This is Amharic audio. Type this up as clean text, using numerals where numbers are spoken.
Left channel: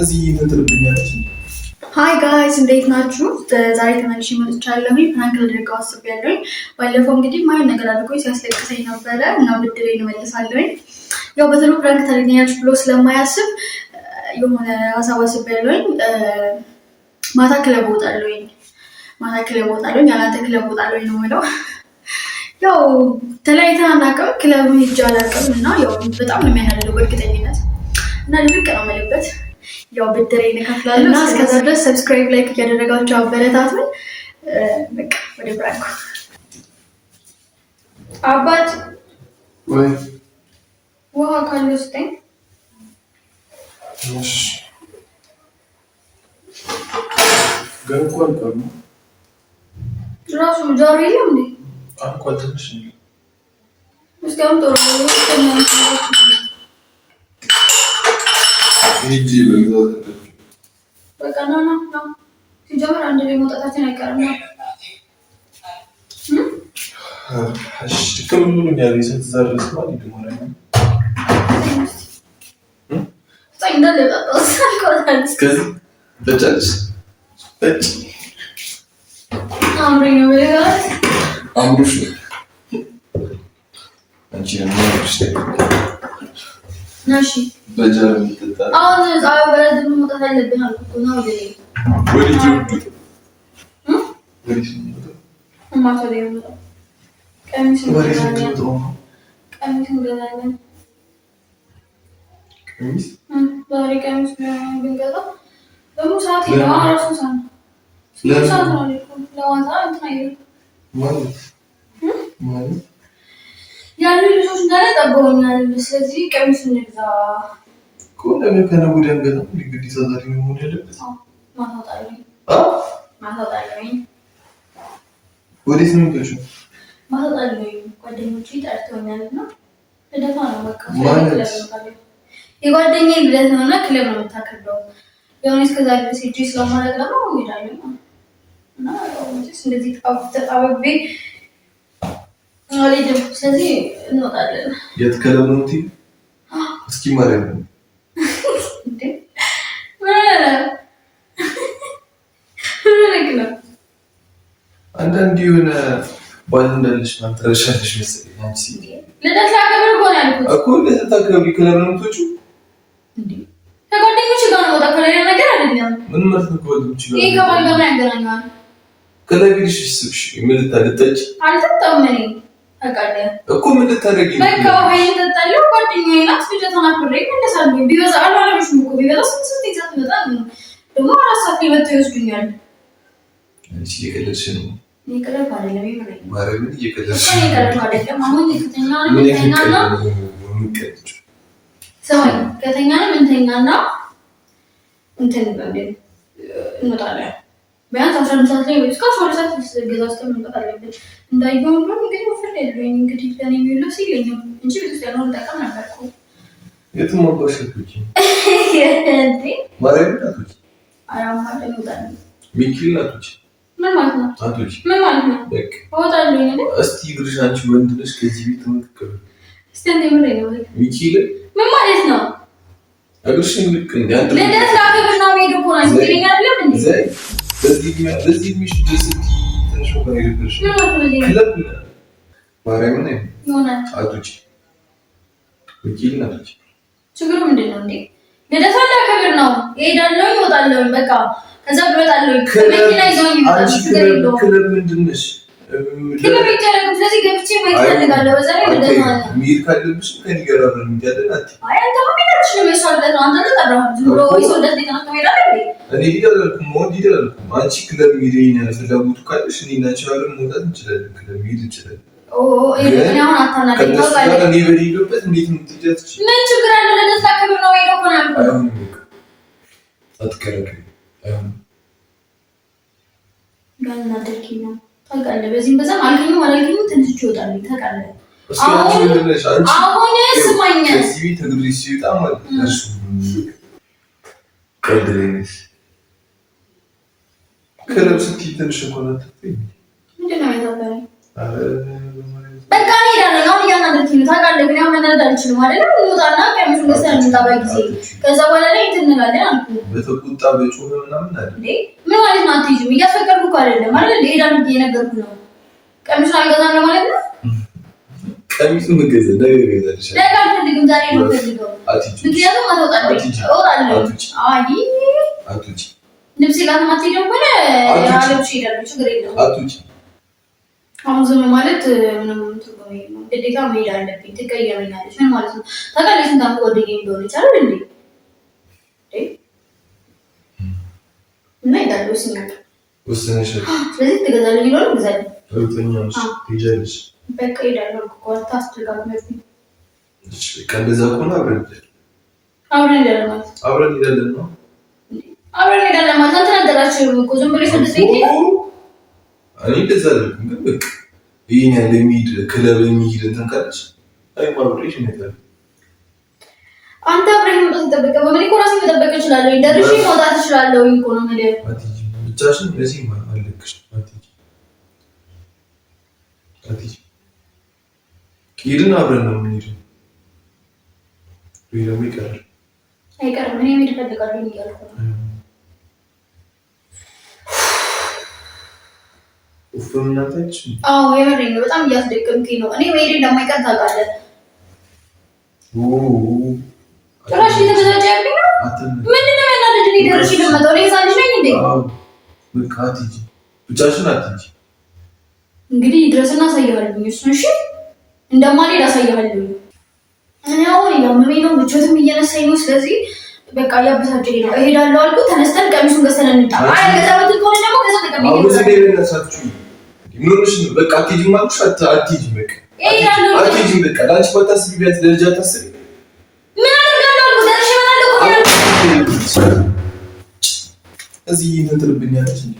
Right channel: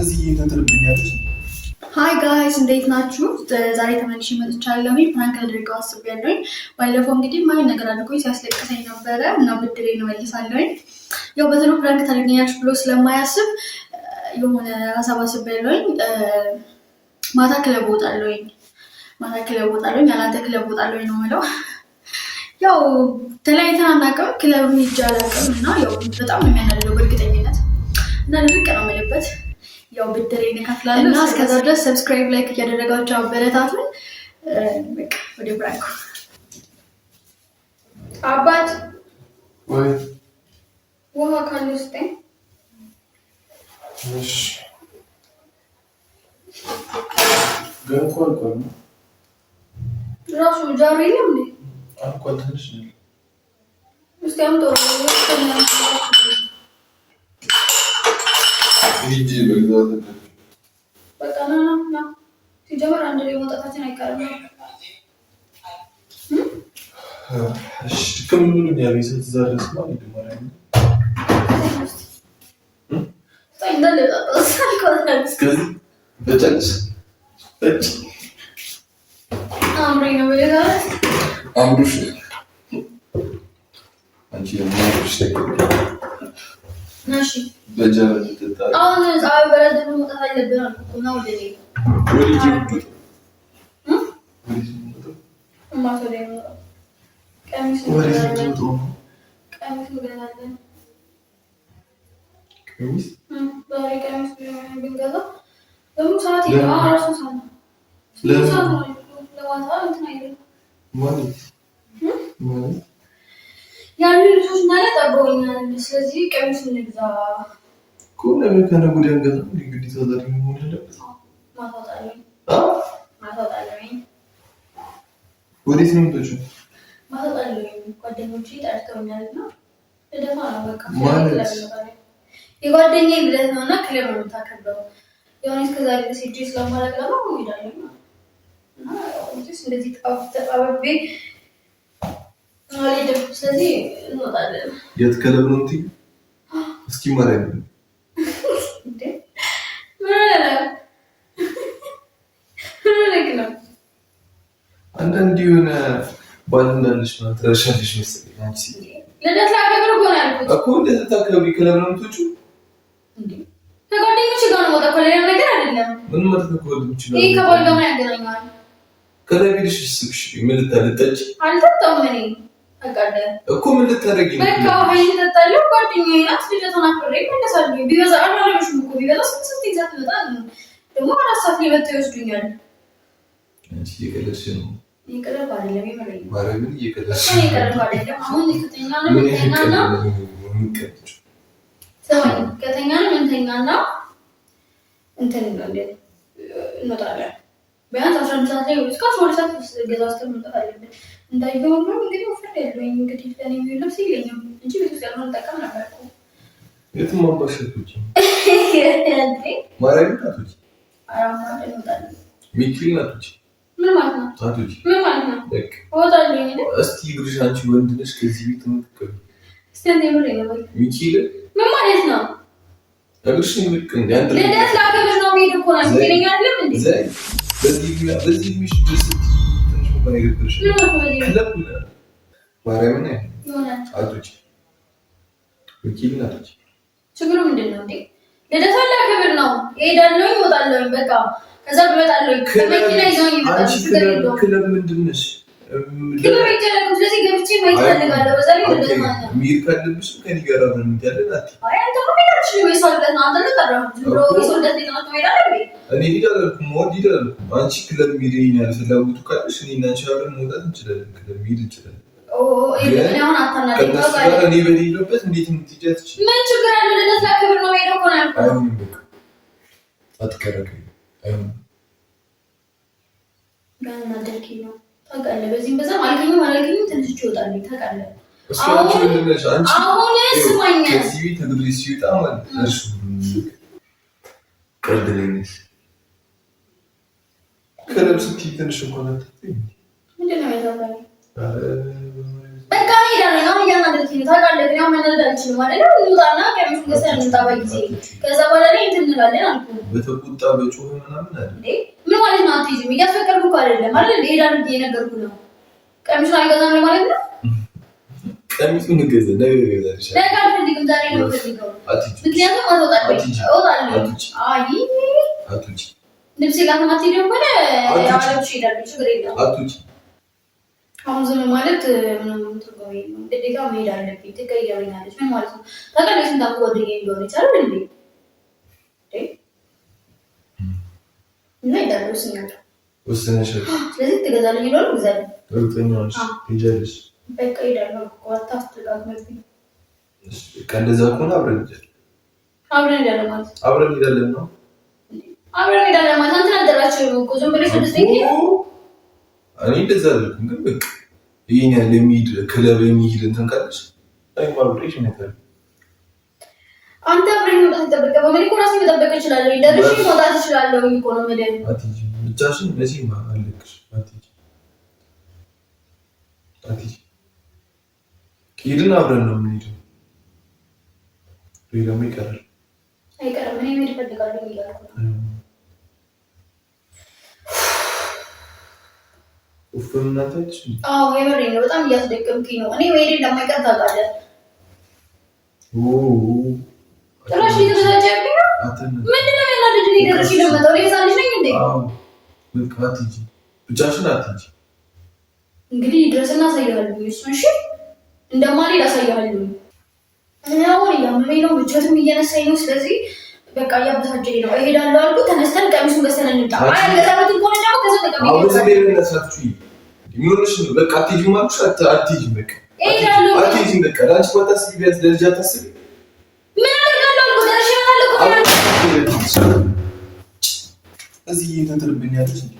እዚህ ተጥልብኛለች። ሃይ ጋይስ እንዴት ናችሁ? ዛሬ ተመልሼ መጥቻለሁ። ፕራንክ ላደርገው አስቤያለሁ። ባለፈው እንግዲህ ማየን ነገር አድርጎኝ ሲያስለቅሰኝ ነበረ እና ብድሬን እመልሳለሁ። ያው በተሎ ፕራንክ ታደርገኛለች ብሎ ስለማያስብ የሆነ ሀሳብ አስቤያለሁ። ማታ ክለብ እወጣለሁ። ያላንተ ክለብ እወጣለሁ ነው የምለው። ያው ተለያይተን አናውቅም፣ ክለብ ሄጄ አላውቅም እና ያው በጣም ነው የሚያናድደው በእርግጠኝነት እና ልብቅ ነው የምልበት ያው ብድሬን እከፍላለሁ እና እስከዛ ድረስ ሰብስክራይብ ላይክ እያደረጋችሁ አበረታቱኝ። በቃ ወደ ብራንኩ አባት ወይ ውሃ ካለ ስጠኝ። እሺ ገንኳን ቆም ራሱ ጃሪ ነው እንዴ? አንኳን ትንሽ ነው እስኪ አምጦ ሂጂ በግዛት በቃ ና ሲጀመር አንድ ላይ መውጣታችን አይቀርም ነው። እሺ ከምን ያለ ሰትዛረስ ማለት ይደማራይ ነው እንዳለ ተጣጣስ እስከዚህ በጨርስ በጭ አምሮኝ ነው በጋት አምሮሽ አንቺ ነው ናሺ በጀር ምትጣ አሁን ዛሬ በረድ መውጣት አለብን አልኩ ነው ወደ ወዲህ ማታ ላይ ነው ቀሚስ እንገዛለን። ዛሬ ቀሚስ ብንገዛ ደግሞ ሰዓት ራሱ ሰዓት ነው ለማታ እንትን አይደለም ማለት ያሉ ልጆች ናለ ጠብቀውኛል። ስለዚህ ቀሚስ እንግዛ እኮ ነገር ከነገ ወዲያ እንገዛ እንግዲህ ዛሬ ነው ሆነ ያለበት ማታጣለኝ ወዴት ነው የምትሄጂው? ማታጣለኝ ጓደኞቼ ጠርተውኛልና ልደታ ነው በቃ የጓደኛዬ ልደት ነውና ክለብ ነው የምታከብረው። ያው እስከዛ ድረስ ሄጄ ስለማላውቅ ነው እሄዳለሁ እና ያው እንደዚህ ተጣብቤ አልሄድም። ስለዚህ እንወጣለን። የት ክለብ ነው እንዴ? እስኪ ማርያም እንዴ አንዳንድ የሆነ ባል እንዳለሽ ማለት ትረሻለሽ መሰለኝ። አንቺ ልደት ላከብር እኮ ነው ያልኩት እኮ ልደት ታከብሪ ክለብ ነው የምትወጪው እንዴ? ከጓደኞች ጋር ነው ወጣ ከሌላ ነገር አይደለም። ምን ማለት ነው ከጓደኞች ጋር? ይሄ ከባል ጋር ያገናኛል። ክለብ ሄድሽ ስብሽ ምን ልታጠጪ? አልጠጣም እኔ ታውቃለህ እኮ ምን ልታደርጊ? በቃ ወይኔ ተጣለው ጓደኛዬ ናት። ልደቷን አክብሬ እመለሳለሁ። ቢበዛ አልዋለሽም እኮ ቢበዛ ስንት ይዛት መጣ ደግሞ አራት ሰዓት ላይ መጥተው ይወስዱኛል። እሺ እየቀለድሽ ነው? ይቀርብ አይደለም ይመረኝ ማርያምን እየቀለድሽ ነው? ይቀርብ አይደለም። አሁን ከተኛና ሰውኝ ከተኛና እንተኛና እንትን እንወጣለን። ቢያንስ 11 ሰዓት ላይ እስከ 12 ሰዓት ገዛ ውስጥ መምጣት አለብን። እንዳየው ነው እንግዲህ ወፍሬ ያለኝ እንግዲህ ለኔ የሚለው ሲለኝም እንጂ ቤት ውስጥ ያለውን ጠቀም ነበርኩ። የትም አባሽቶች እንዴ ማርያም ናቶች አራማ እንወጣለን። ሚኪል ናቶች ምን ማለት ነው? ናቶች ምን ማለት ነው? በቃ እወጣለሁ እንዴ? እስቲ ግርሽ አንቺ ወንድ ነሽ ከዚህ ቤት ተመጥቀው እስቲ እንደምሬ ነው ወይ ሚኪል ምን ማለት ነው? እግርሽን ልክ እንደ አንድ ልደት ላከብር ነው የምሄድ እኮ ነው እንግዲህ አይደለም እንዴ? ለዚህ ሚሽ ደስቲ ትንሽ ወደ ይርብሽ ክለብ ማርያምን ነው ይሆናል አቶች ሚኪል ናቶች ችግሩ ምንድን ነው እንዴ? ልደት ላከብር ነው እሄዳለሁ፣ እወጣለሁ በቃ ከዛ ብመጣለሁ ከመኪና ይዘውኝ ይመጣል። ችግር የለውም። ክለብ ምንድን ነሽ? ክለብ ይቻላል። ስለዚህ ገብቼ ማየት ፈልጋለሁ። በዛ ላይ ልደት ማለት ነው ሚር ካለብሽ ከኔ ጋር አብረን እንሄዳለን። አይ አንተ ማሚዳሽ ነው የሰው ልደት ነው። አንተ ተጠራህ ዝም ብሎ የሰው ልደት ሊቀና ትሄዳለህ እንዴ? እኔ ሄዳለሁ ሞድ ሄዳለሁ። አንቺ ክለብ ሚሪኝ ያለ ፍላጎቱ ካለሽ እኔ እና አንቺ አብረን መውጣት እንችላለን። ክለብ ሚር እንችላለን። እኔ አሁን አታናደኝ ነው ጋር እኔ በሌለበት እንዴት ነው የምትሄጃት? ምን ችግር አለ? ልደት ላከብር ነው ሄደው እኮ ነው ያልኩት። አትከራከሪ። አይሆንም ጋና ደርኪ ነው ታውቃለህ። በዚህም በዛም አልከኝም አላልከኝም ትንሽ ይወጣል ታውቃለህ። አሁን ስማኝ እዚህ ቤት እግሬ ሲወጣ ማለት እርሱ ቀድረኝስ ክለብ ስትይ ትንሽ እንኳን አትተኝ። ምንድን ነው ያሳበረኝ? አረ በቃ ሄዳለሁ። አሁን እያናደድኩኝ ነው ታውቃለህ። ግን ያው መናደድ አልችልም አይደል? እንውጣና ቀሚሱን ገዝተን እንምጣ በጊዜ። ከዛ በኋላ ላይ እንትን እንላለን አልኩህ። በተቁጣ በጮህ ምናምን አይደል እንዴ? ምን ማለት ነው? አትሄጂም እያስፈቀድኩ እኮ አይደለም አይደል እንዴ? ሄዳለሁ ብዬሽ ነገርኩህ ነው። ቀሚሱን አልገዛም ነው ማለት ነው? ቀሚሱን ገዛ ነገ ገዛልሽ። ነገ አልፈልግም፣ ዛሬ ነው የምፈልገው። ምክንያቱም እወጣለሁ። አይ አትውጪ። ልብሴ ጋር ከማትሄጂው ከሆነ አለብሽ እሄዳለሁ። ችግር የለውም። አትውጪ። አሁን ዝም ማለት ምንም ትርጉም የለውም። ግዴታ መሄድ አለብኝ። ትቀየመኛለች። ምን ማለት ነው? ታውቃለህ ስንት ዓመት ጓደኛዬ እንደሆነች አይደል እንዴ? እና እሄዳለሁ ወስነሻል። ስለዚህ ትገዛልኝ ይኖር ግዛልኝ። እርግጠኛ ነሽ? ትሄጃለሽ? በቃ እሄዳለሁ እኮ አታስጨቃጭቅኝ። እሺ በቃ እንደዛ ከሆነ አብረን እንሄዳለን። አብረን እንሄዳለን ማለት አብረን እንሄዳለን ነው? አብረን እንሄዳለን ማለት አንተ ነገራችሁም እኮ ዝም ብለሽ እንደዚህ እኔ እንደዛ አልልም፣ ግን በቃ ይሄን ያለ የሚሄድ ክለብ የሚሄድ እንትን ካለች አይማ አብሬሽ እመጣለሁ። አንተ አብረን መምጣት ይጠበቃል። በምን እኮ ራሴን መጠበቅ እችላለሁ። ደርሼ መውጣት እችላለሁ እኮ ነው የምልህ። አትሂጂ ብቻሽን ለዚህ አልልክሽ። አትሂጂ ሄድን አብረን ነው የምንሄደው። ወይ ደግሞ ይቀራል። አይቀርም። እኔ መሄድ እፈልጋለሁ እያልኩ ነው። ኡፍም እናታች አዎ የበረኝ ነው። በጣም እያስደቀምከኝ ነው። እኔ መሄድ እንደማይቀር ታውቃለህ። ጭራሽ እየተዘጋጀብኝ ነው። ምንድን ነው ያናደደኝ? እኔ ደርሼ ልመጣው እኔ ህፃን ልጅ ነኝ እንዴ? በቃ አትሂጂ ብቻሽን አትሂጂ። እንግዲህ ድረስና አሳይሃለሁ። እሱን እሺ እንደማልሄድ አሳይሃለሁ። እኔ አሁን እያመመኝ ነው፣ ምቾትም እየነሳኝ ነው። ስለዚህ በቃ እያበሳጨኝ ነው። እሄዳለሁ አልኩህ። ተነስተን ቀሚሱን ገዝተን እንምጣ። አይ ገዛበት ከሆነ ደግሞ ከዛ ተቀምጬ አሁን ዘዴ ለነሳችሁ ይኖርሽ ነው። በቃ አትሄጂም አልኩሽ። አትሄጂም በቃ አትሄጂም በቃ ለአንቺ ባታስቢ ቢያንስ ለልጅ አታስቢ። ምን አደርጋለሁ አልኩህ። ደርሼ እመጣለሁ እኮ እዚህ እንትን ትልብኛለች እንዴ?